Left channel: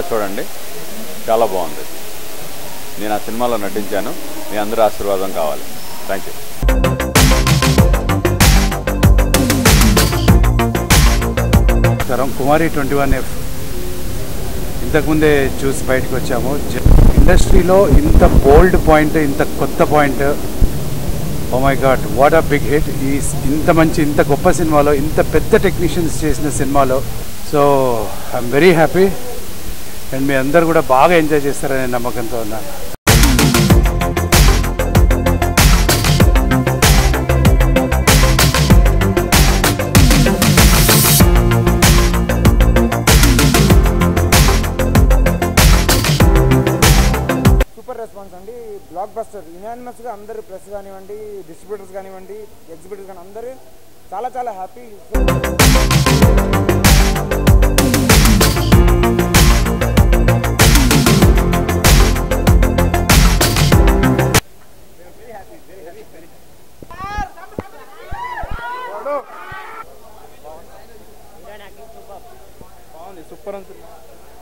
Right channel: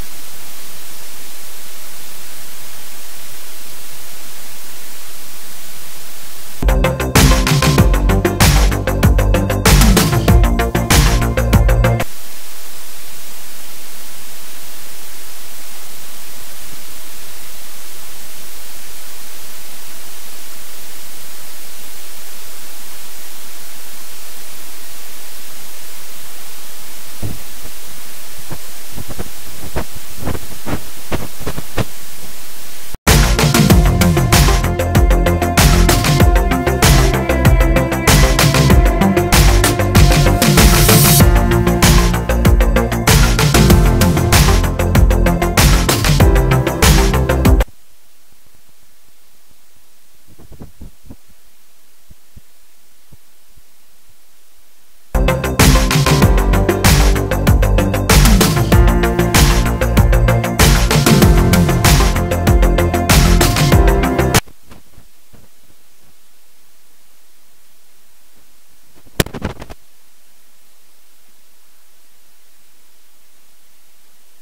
తప్పకుండా చూడండి, చాలా బాగుంది. నేను ఆ సినిమాలో నటించాను. మీ అందరూ ఆశీర్వాదం కావాలి. Thank you. కుమారి 21F ఇంతకుముందే చూసి బయటకు వచ్చాము. ఇండస్ట్రీలో ఇంత బోల్డ్ పాయింట్, ఇంత కొత్త point, oh my god, what a big hit. ఇంత గొప్ప సినిమాలో, ఇంత పెద్ద టెక్నీషియన్స్ చేసిన సినిమాలో. So I'm very happy and మీ అందరు కూడా బాగా ఎంజాయ్ చేస్తారనే నమ్మకంతో ఉన్నాను. బ్లాక్ బస్టర్ యునానిమస్గా అందరూ ప్రెస్ కానివ్వండి, డిస్ట్రిబ్యూటర్స్ కానివ్వండి, ఎగ్జిబిటర్స్ కానీ అందరూ చాలా చాలా హ్యాపీ.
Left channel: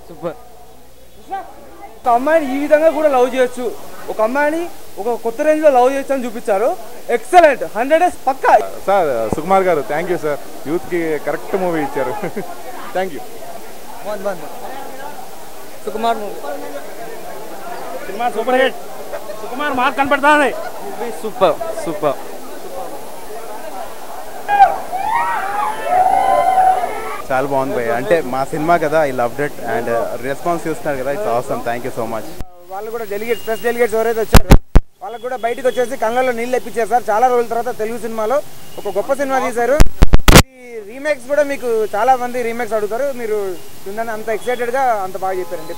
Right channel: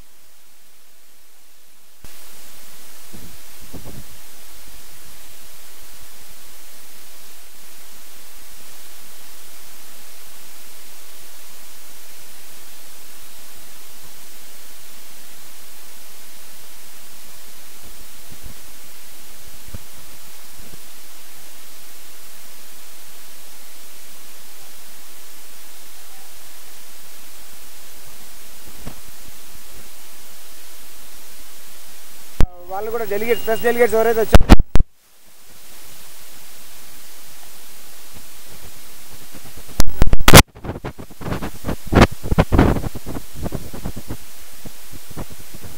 సూపర్. ఒక అమ్మాయిని ఈ విధంగా కూడా లవ్ చేయొచ్చు, ఒక అమ్మాయిని ఒక కొత్త రేంజ్ లో లవ్ చేయొచ్చు అని చూపించారు. ఎక్సలెంట్, 100 డేస్ పక్కా. Sir Sukumar garu thank you sir, youth కి కరెక్ట్ మూవీ ఇచ్చారు. Thank you. సుకుమార్ మూవీ సినిమా సూపర్ హిట్. సుకుమార్ మార్క్ కనపడతానే. Super super. చాలా బాగుంది భయ్య, అంటే మా సినిమా కదా, I loved it and response చూస్తున్నారు కదా, it's awesome. Thank you so much. వాళ్ళకు కూడా బయటకు వచ్చేసి కళ్ళలో నీళ్ళు ఎప్పించారు సార్. చాలా రోజుల తర్వాత తెలుగు సినిమాలో ఒక గొప్ప సినిమా తీశారు. ఈ రీమేక్స్ కూడా మీకు చాలా మంది రీమేక్స్ అడుగుతారు. మీరు అంత ఎక్సైటెడ్గా అంత బాగా చెప్పారండి.